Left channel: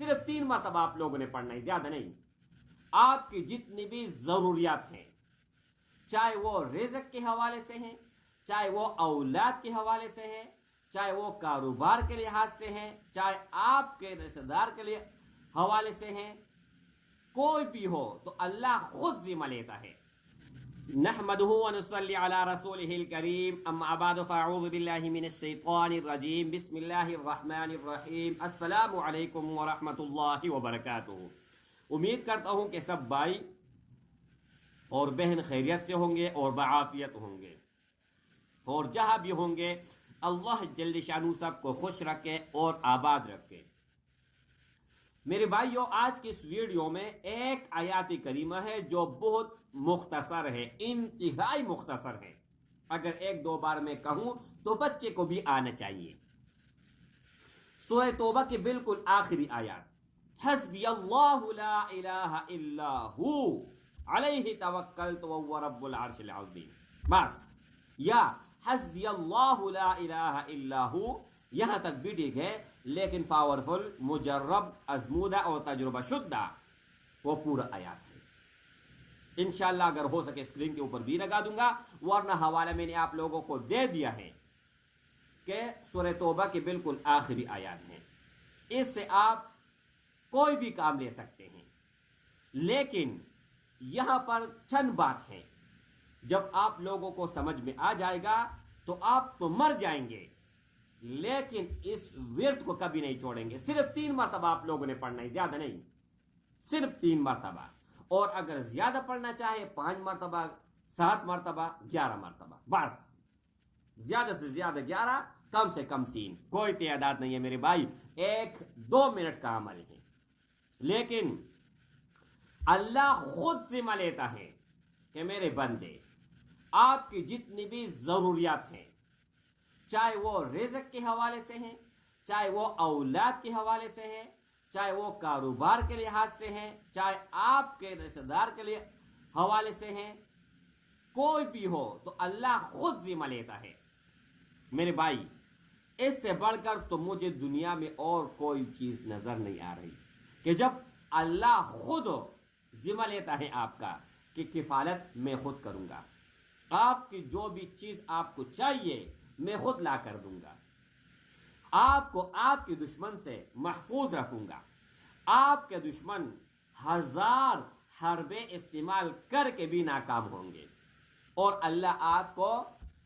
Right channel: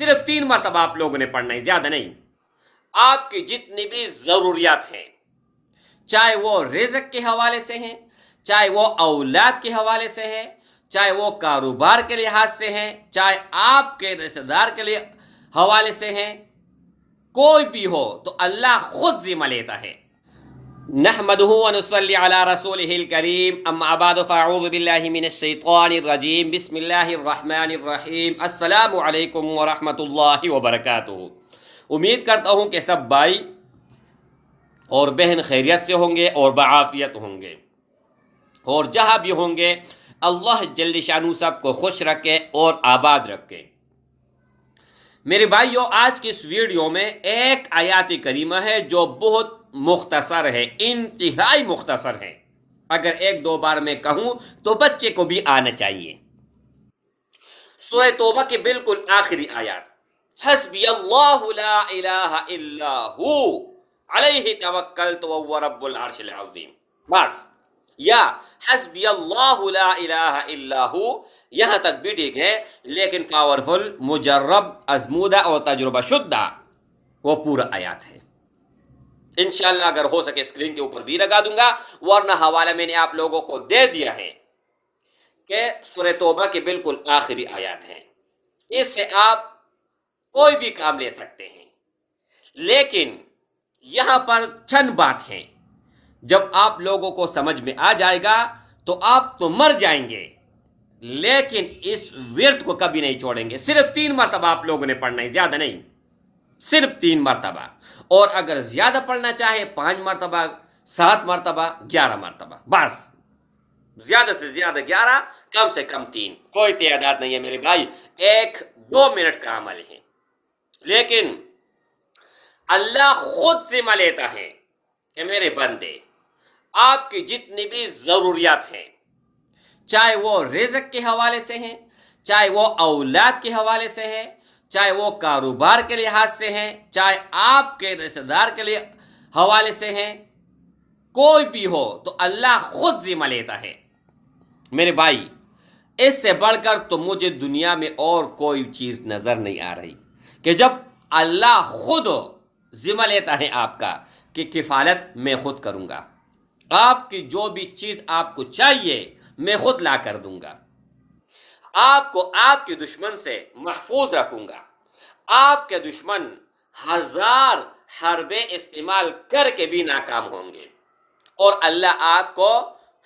صرف 3 مرتبہ آپ لوگوں نے پڑھنا ہے، زیادہ نہیں۔ آپ کی جتنی بھی ضروریات ہیں، چاہے وہ رزق کے حوالے سے ہیں، چاہے وہ اولاد کے حوالے سے ہے، چاہے وہ کاروبار کے لحاظ سے ہیں، چاہے آپ کے رشتہ دار کے لیے حوالے سے ہیں، کوئی بھی ہو تو اللہ خود ذمہ لیتا ہے۔ نحمده ونصلي على رسوله الكريم، اما بعد فاعوذ بالله من الشیطان الرجیم، بسم اللہ الرحمن الرحیم، السلام علیکم ورحمۃ اللہ وبرکاتہ۔ امید کرتا ہوں کہ سب بھائی اور بہن خیریت سے ہوں گے اور بعافیت ہوں گے، اور جہاں بھی ہوں گے اللہ جل شانہ سب کو خوش رکھے اور آباد رکھے۔ میرے بھائیوں، آج کی اس ویڈیو میں ایک آیات کریمہ ہے جو بہت مختصر ہے، انتہائی مختصر ہے۔ اگر ایک دو بار میں کہوں تو بچے کو بھی آنا چاہیے۔ سورہ توبہ کی بالکل آخری آیات، حسبی اللہ لا الہ الا ہو علیہ توکلت وہو رب العرش العظیم، بس، یا حسبی اللہ لا الہ الا ہو یہاں تک بھی ٹھیک ہے، لیکن پاورفل، مجرب، ازمودہ اور تجربہ شدہ وہ پورا آیات ہے۔ انشاءاللہ اگر ہو سکے اسکرین کے اوپر بھی لگا دوں گا، ورنہ حوالہ میں نے آپ لوگوں کو دے دیا ہے کہ سورہ توبہ کے بالکل آخری آیات ہیں۔ اس سے آپ کوئی بھی کام لے سکتے ہیں، لیکن یہاں پر چند بات ہیں، جب آپ لوگوں کو سمجھ میں آ جائے گا تو آپ تو مر جائیں گے، لیکن اس ورد کو کبھی نہیں چھوڑیں گے۔ صرف 3 مرتبہ آپ لوگوں نے پڑھنا ہے، زیادہ نہیں، صرف 3 مرتبہ، اور اگر زیادہ پڑھنا چاہے 5 مرتبہ، 7 مرتبہ، 11 مرتبہ، بس، زیادہ سے زیادہ 11، کم سے کم 3، کوئی تعداد نہیں ہے میرے بھائی، 1-2 منٹ کا عمل ہے، لیکن اللہ خود ذمہ لیتا ہے کہ میرے بندے، آپ کی جتنی بھی ضروریات ہیں، چاہے وہ رزق کے حوالے سے ہیں، چاہے وہ اولاد کے حوالے سے ہے، چاہے وہ کاروبار کے لحاظ سے ہیں، چاہے آپ کے رشتہ دار کے لیے حوالے سے ہیں، کوئی بھی ہو تو اللہ خود ذمہ لیتا ہے۔ میرے بھائی، اس سے بڑھ کر تو مجھے دنیا میں اور کوئی چیز نظر نہیں آ رہی کہ جب اللہ خود ذمہ لیتا ہے آپ کا کہ کفالت میں خود کروں گا، آپ کی جو بھی چیز آپ کو چاہیے میں خود لا کر دوں گا، آپ کو آپ کے دشمن سے محفوظ رکھوں گا، آپ کے دشمن 1000 حربیں استعمال کر کے بھی ناکام ہوں گے، اور اللہ آپ کو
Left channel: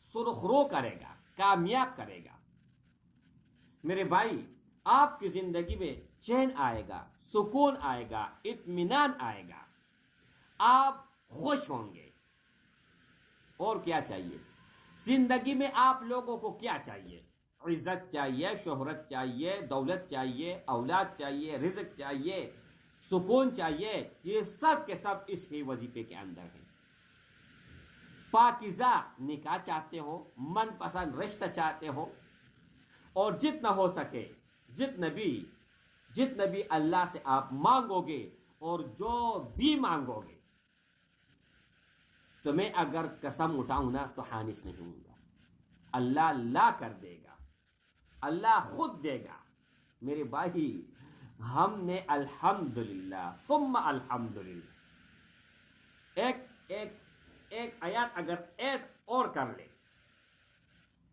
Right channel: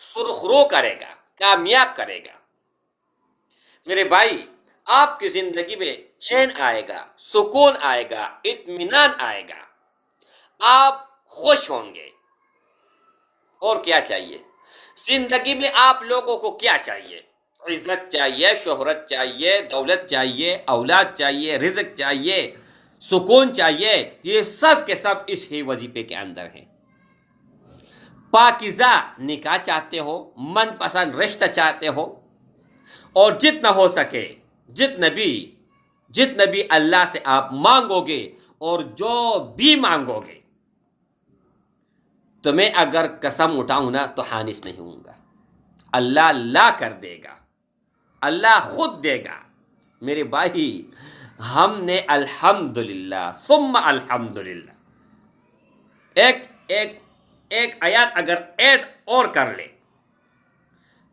سرخرو کرے گا، کامیاب کرے گا۔ میرے بھائی، آپ کی زندگی میں چین آئے گا، سکون آئے گا، اطمینان آئے گا، آپ خوش ہوں گے۔ اور کیا چاہیے زندگی میں؟ آپ لوگوں کو کیا چاہیے؟ عزت چاہیے، شہرت چاہیے، دولت چاہیے، اولاد چاہیے، رزق چاہیے، سکون چاہیے، یہ سب کے سب اس ہی وظیفے کے اندر ہیں۔ پاکیزہ نکاح چاہتے ہو، من پسند رشتہ چاہتے ہو، اور جتنا ہو سکے، جتنا بھی اللہ سے آپ مانگو گے اور جو بھی مانگو گے، تو میں اگر قسم اٹھاؤں نا تو حانس نہیں ہوں گا، اللہ لا کر دے گا، اللہ خود دے گا۔ میرے بھائی، ہم نے الحمدللہ ثم الحمدللہ ایک آیات اگر ایڈ اور کر لے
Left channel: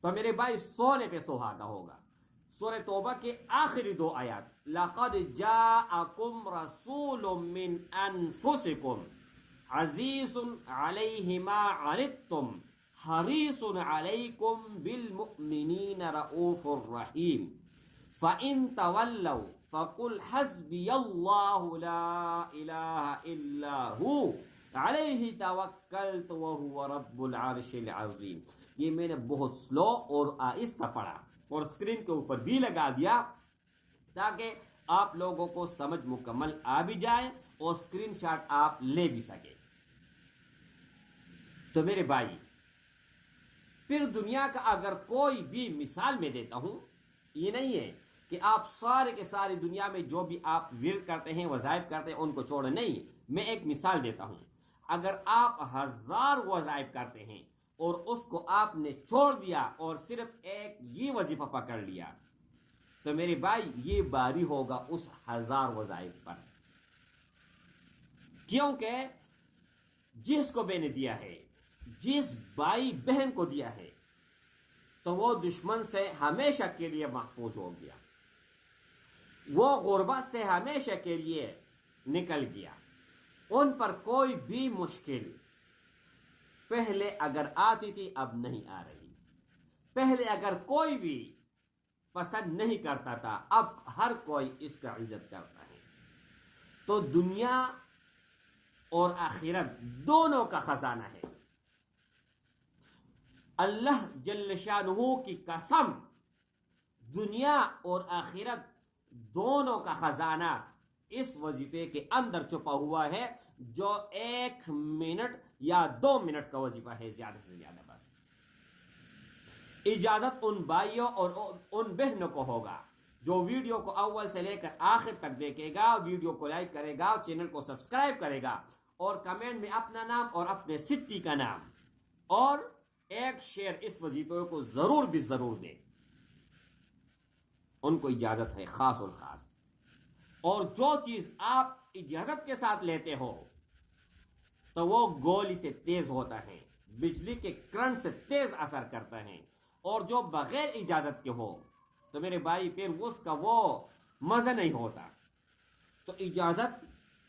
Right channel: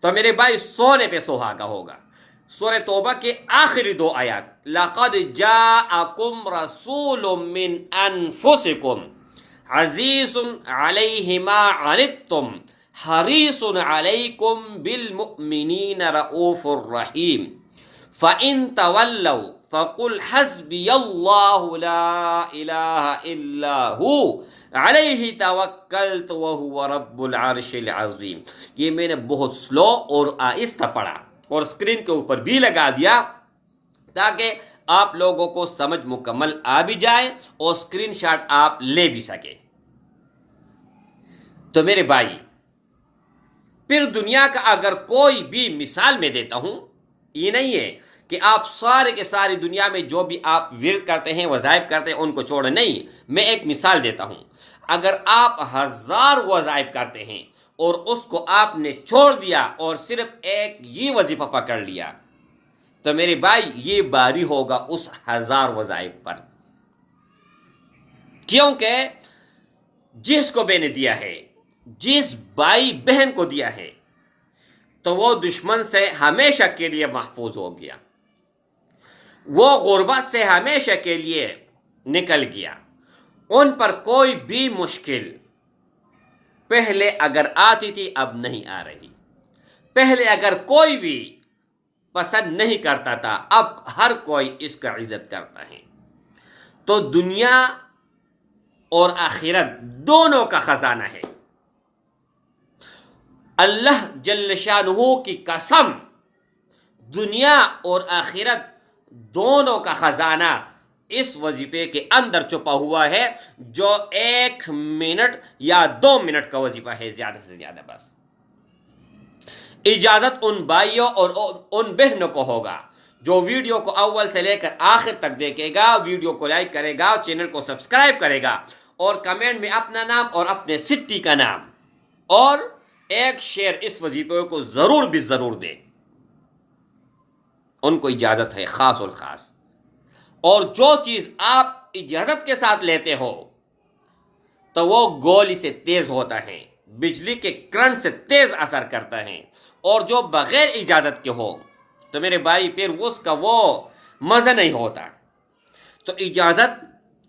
تو میرے بھائی سونے پہ سہاگا ہوگا۔ سورہ توبہ کے آخری 2 آیات، لَقَدْ جَاءَكُمْ رَسُولٌ مِّنْ أَنفُسِكُمْ عزیز علیہ ما عنتم حریص علیکم بالمؤمنین رؤوف الرحیم فَإِن تَوَلَّوْا فَقُلْ حَسْبِيَ اللَّهُ لَا إِلَٰهَ إِلَّا هُوَ عَلَيْهِ تَوَكَّلْتُ وَهُوَ رَبُّ الْعَرْشِ الْعَظِيمِ۔ یہ میں نے بہت سلو اور آہستہ پڑھا اور اسکرین کے اوپر بھی لگا دیا تاکہ آپ لوگوں کو سمجھ مکمل آ بھی جائے اور اسکرین شاٹ آپ لے بھی سکے۔ تو میرے بھائی، پھر دنیا کا اگر کوئی بھی مثال میں دیتا ہوں، یہ نہیں ہے کہ آپ سارے کے ساری دنیا میں جو بھی آپ ورد کرتے ہیں، وظائف کرتے ہیں، ان کو چھوڑیں، نہیں، میں ایک مثال دیتا ہوں۔ اگر آپ 1000 وظائف کرتے ہیں اور اس کو آپ نے چھوڑ دیا اور صرف ایک یہ وظیفہ پکڑ لیا، تو میرے بھائی یہ باری ہوگا اس 1000 وظائف پر، کیونکہ جس کو میں نے دیا ہے، جس بھائی بہن کو دیا ہے، تو وہ دشمن سے ہمیشہ کے لیے محفوظ ہو گیا، وہ غربت سے ہمیشہ کے لیے نکل گیا، ان پر کوئی بھی مشکل پہلے اگر آتی تھی اب نہیں آ رہی، پہلے اگر کوئی بھی پسند نہیں کرتا تھا اب ہر کوئی اس کا عزت کرتا ہے۔ تو دنیا اور آخرت دونوں کا خزانہ ہے، اللہ جل شانہ کی قسم، دنیا اور آخرت دونوں کا خزانہ اس وظیفے کے اندر چھپا ہوا ہے، جو 1 منٹ یا 2 منٹ کا وظیفہ ہے، زیادہ سے زیادہ۔ بس اجازت ان بھائیوں اور ان بہنوں کو ہوگا جو ویڈیو کو اول سے لے کر آخر تک دیکھے گا، ویڈیو کو لائک کرے گا، چینل کو سبسکرائب کرے گا، اور کمنٹ میں اپنا نام اور اپنے سٹی کا نام اور ایک شیئر اس وظیفے کو ضرور بھی ضرور دے۔ ان کو اجازت ہے خاص الخاص، اور جو چیز آپ اجازت کے ساتھ لیتے ہو تو وہ گولی سے تیز ہوتا ہے، بجلی کے کرنٹ سے تیز اثر کرتا ہے، اور جو بغیر اجازت کے ہو تو میرے بھائی پھر اس کا وہ مزہ نہیں ہوتا۔ تو اجازت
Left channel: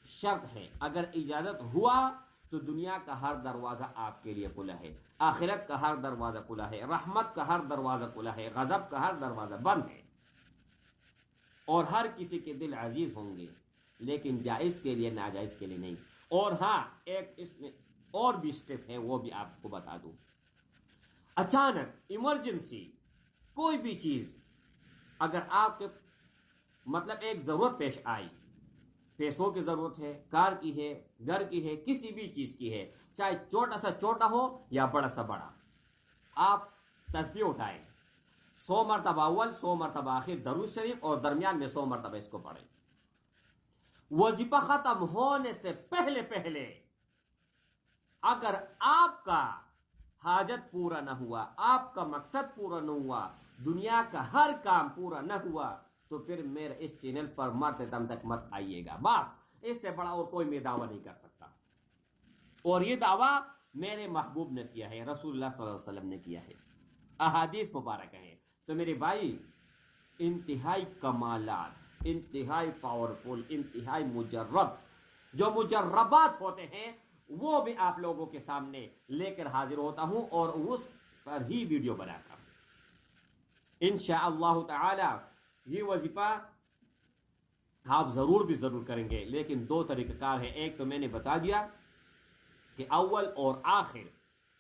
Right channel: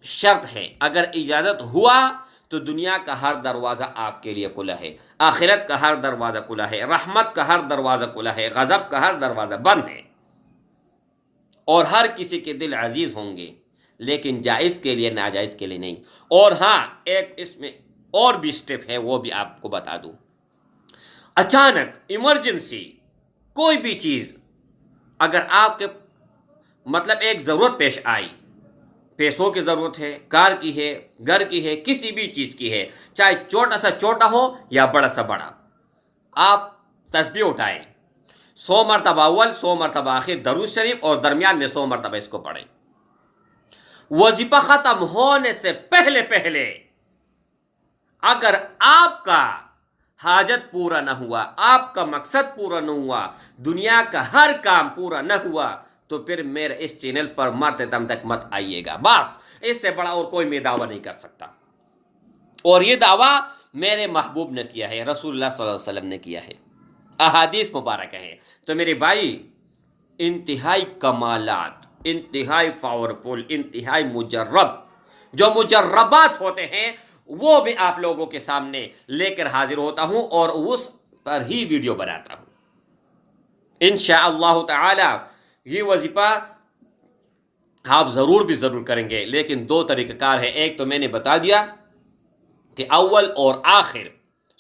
شرط ہے، اگر اجازت ہوا تو دنیا کا ہر دروازہ آپ کے لیے کھلا ہے، آخرت کا ہر دروازہ کھلا ہے، رحمت کا ہر دروازہ کھلا ہے، غضب کا ہر دروازہ بند ہے، اور ہر کسی کے دل عزیز ہوں گے، لیکن جائز کے لیے، ناجائز کے لیے نہیں۔ اور ہاں، ایک اس میں اور بھی سٹیپ ہے، وہ بھی آپ کو بتا دوں۔ اچانک ایمرجنسی کوئی بھی چیز اگر آپ کے مطلب ایک ضرورت پیش آئی، پیسوں کی ضرورت ہے، کار کی ہے، گھر کی ہے، کسی بھی چیز کی ہے، چاہے چھوٹا سا چھوٹا ہو یا بڑا سا بڑا، آپ تسبیح اٹھائیں، 100 مرتبہ اول، 100 مرتبہ آخر درود شریف، اور درمیان میں 100 مرتبہ اس کو پڑھیں۔ وظیفہ ختم ہونے سے پہلے پہلے اگر آپ کا حاجت پورا نہ ہوا، آپ کا مقصد پورا نہ ہوا، دنیا کا ہر کام پورا نہ ہوا، تو پھر میرے اس چینل پر مرتے دم تک مت آئیے گا۔ بس اس سے بڑا اور کوئی میں دعویٰ نہیں کر سکتا، اور یہ دعویٰ میرے محبوب نے کیا ہے، رسول اللہ صلی اللہ علیہ وسلم نے کیا ہے، احادیث مبارک ہے۔ تو میرے بھائی، انتہائی کمالات، انتہائی پاورفل، انتہائی مجرب، جو مجربات ہوتے ہیں وہ بھی آپ لوگوں کے سامنے لے کر حاضر ہوتا ہوں، اور اس پر ہی ویڈیو بناتا ہوں۔ انشاءاللہ تعالی یہ وظیفہ آپ ضرور بھی ضرور کریں گے، لیکن 2 طریقہ کار ہے۔ ایک تو میں نے بتا دیا کہ اول اور آخر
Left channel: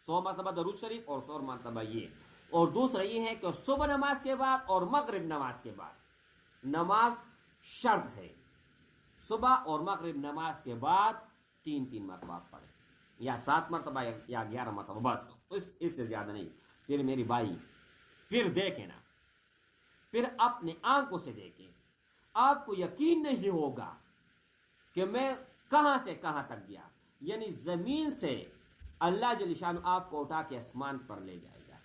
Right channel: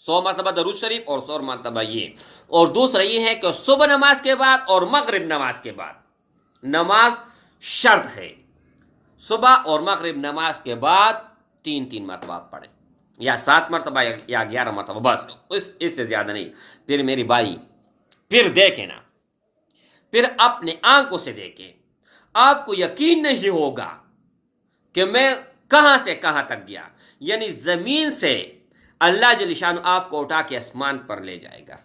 100 مرتبہ درود شریف اور 100 مرتبہ یہ، اور دوسرا یہ ہے کہ صبح نماز کے بعد اور مغرب نماز کے بعد، نماز شرط ہے، صبح اور مغرب نماز کے بعد 3 مرتبہ آپ پڑھیں، یا 7 مرتبہ یا 11 مرتبہ، بس اس سے زیادہ نہیں۔ پھر میری بھائی، پھر دیکھیں نا، پھر اپنے آنکھوں سے دیکھیں، آپ کو یقین نہیں ہوگا کہ میں کہاں سے کہاں تک گیا، یعنی زمین سے اللہ جل شانہ آپ کو اٹھا کے آسمان پر لے جائے گا۔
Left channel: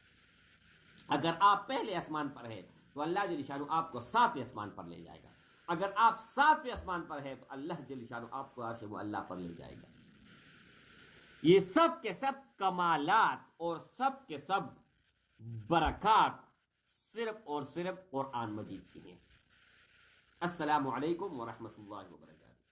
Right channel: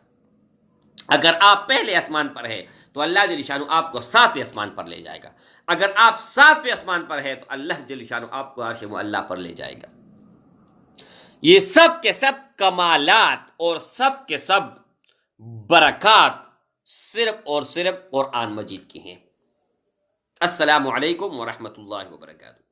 اگر آپ پہلے آسمان پر ہے تو اللہ جل شانہ آپ کو 7ویں آسمان پر لے جائے گا، اگر آپ 7ویں آسمان پر ہے تو اللہ جل شانہ آپ کو عرش معلی پر لے جائے گا۔ یہ سب کے سب کمالات اور سب کے سب برکات صرف اور صرف قرآن مجید کی ہیں۔ السلام علیکم ورحمۃ اللہ وبرکاتہ۔